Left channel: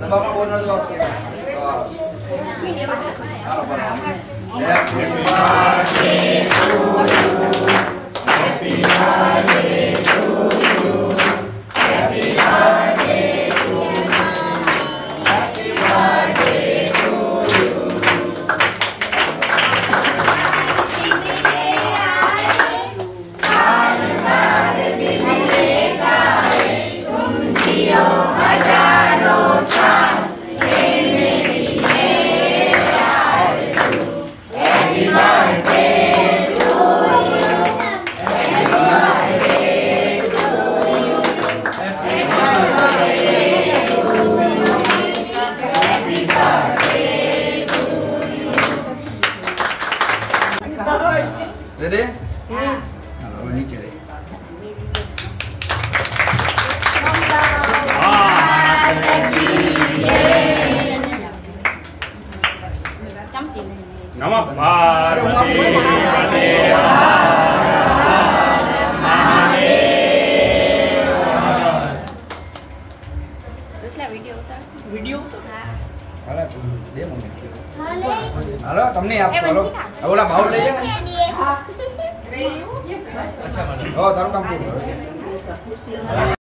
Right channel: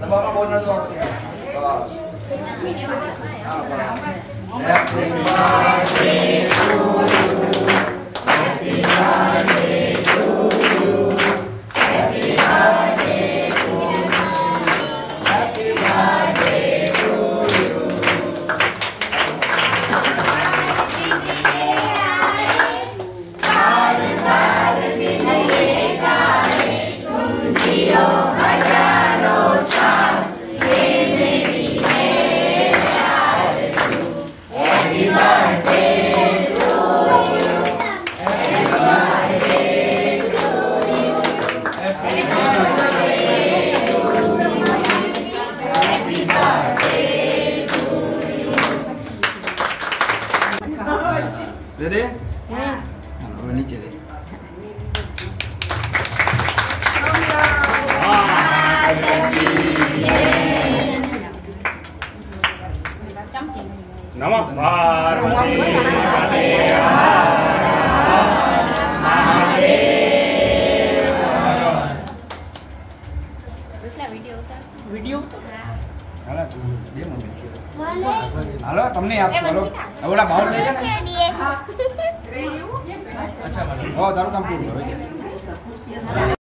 દબાવમાં બહુ નતો આપકે happy birthday to you happy birthday to you happy birthday to you happy birthday to you साल साल दिन लेगा तुम जियो हजारों साल ये मेरी है आरज़ू happy birthday to you happy birthday to you happy birthday to you happy birthday to you ready हां अब नीचे दे नमः पार्वती पते वीडियो હાલો તું દે મને હાલો તમને આપો હાલો ઓલા બાઉલ લઈ લે ને અચ્છા હો તારું કામ પૂરું